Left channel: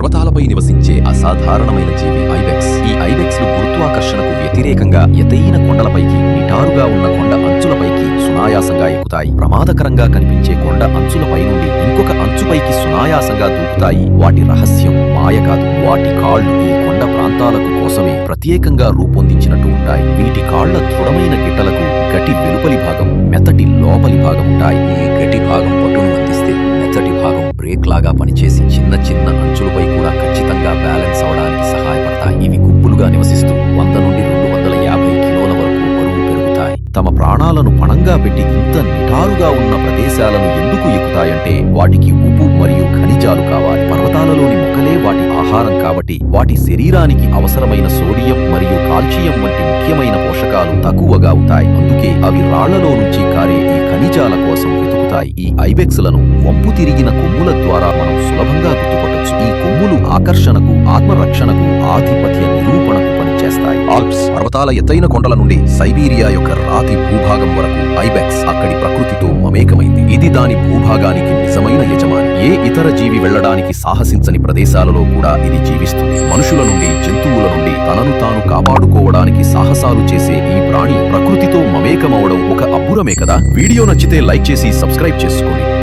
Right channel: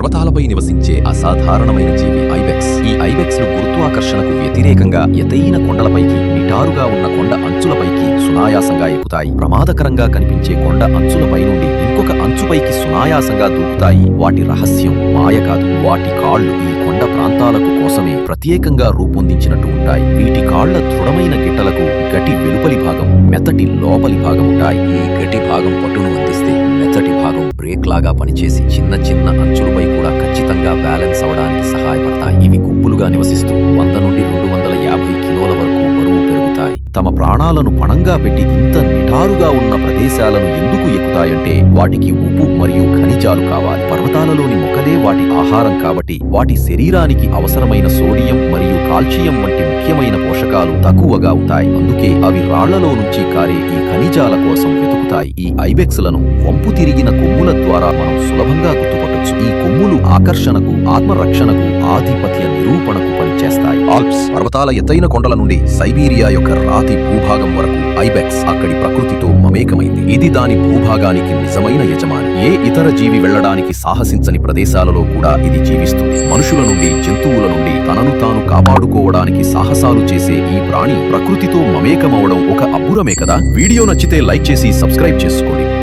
పర్వతాలపై నివసించే అసాధారణమైన జీవి ఐబెక్స్. ఈ ఐబెక్స్లు గురుత్వాకర్షణకు వ్యతిరేకంగా ఎతైన కొండలపైకి నిటారుగా ఉన్న కొండ అంచులపైకి సునాయాసంగా ఎక్కుతాయి. ప్రమాదకరంగా కనిపించే కొండ అంచులపై నుండి ఇంకొక అంచుపైకి సునాయాసంగా దూకుతాయి. వాటి రహస్యం మాయ కాదు. వాటి కాళ్ళు ఈ కొండ ప్రాంతాలకు కోసమే ప్రత్యేకంగా రూపొందించినట్టు ఉంటాయి. వీటి కాళ్ళ దృఢమైన గిట్టలకు గటి వెలుపలి భాగం మెత్తటి లోపలి భాగం ఉంటాయి. ఈ గటి భాగం పట్టును అందిస్తే మెత్తటి భాగం బ్రేక్ లాగా పనిచేసి చిన్న చిన్న అంచులపై కూడా ఖచ్చితంగా బ్యాలెన్స్ అవడానికి సహాయపడతాయి. ఇవి గుంపులుగా నివసిస్తూ వంద నుండి రెండు వందల యాభై కిలోల వరకు బరువు పెరుగుతాయి. తమ ప్రాణాలను పణంగా పెట్టి ఇంత నిటారుగా ఉన్న ప్రదేశాలను ఎందుకు ఎక్కుతాయంటే వాటికి ఉప్పు మరియు ఖనిజాలు కావాలి. పర్వతాలలోని మొక్కలే వాటి ఆహారం కాబట్టి వాటి శరీరానికి అవసరమైన సోడియం మరియు కాల్షియం వంటి ముఖ్యమైన పోషకాలు తక్కువగా ఉంటాయి అందుకే అవి రాళ్ళలో నుంచి కారే ఈ ఖనిజాల కోసం వెతుకుతాయి. ఈ ఐబెక్స్లను వంపు తిరిగిన కొమ్ముల ద్వారా మనం సులభంగా గుర్తుపట్టొచ్చు. ఈ కొమ్ములు ఆకర్షణకు ఆత్మరక్షణకు ఆధిపత్య నిరూపణకు చేస్తాయి ఆల్ప్స్ పర్వతాల ఎత్తైన కొండల నుండి సైబీరియా యొక్క రాతి భూభాగం వరకు ఐబెక్స్ అక్కడి ప్రకృతితో మమేకమైంది. ఇది దాని భూభాగానికి నిజమైన యజమాని. ఏ ఇతర జీవి వెళ్ళడానికి సాహసించని ప్రదేశాలలో కూడా ఇది జీవిస్తుంది. మనుషుల నుండి జంతువుల నుండి తనను తాను కాపాడుకోవడానికి సాహసాలు చేసే ఈ ప్రాణి ప్రకృతితో మమేకమవడం ఒక అబ్బురమే కదా? వీడియో నచ్చితే లైక్ చేసి సబ్స్క్రైబ్ చేసుకోండి.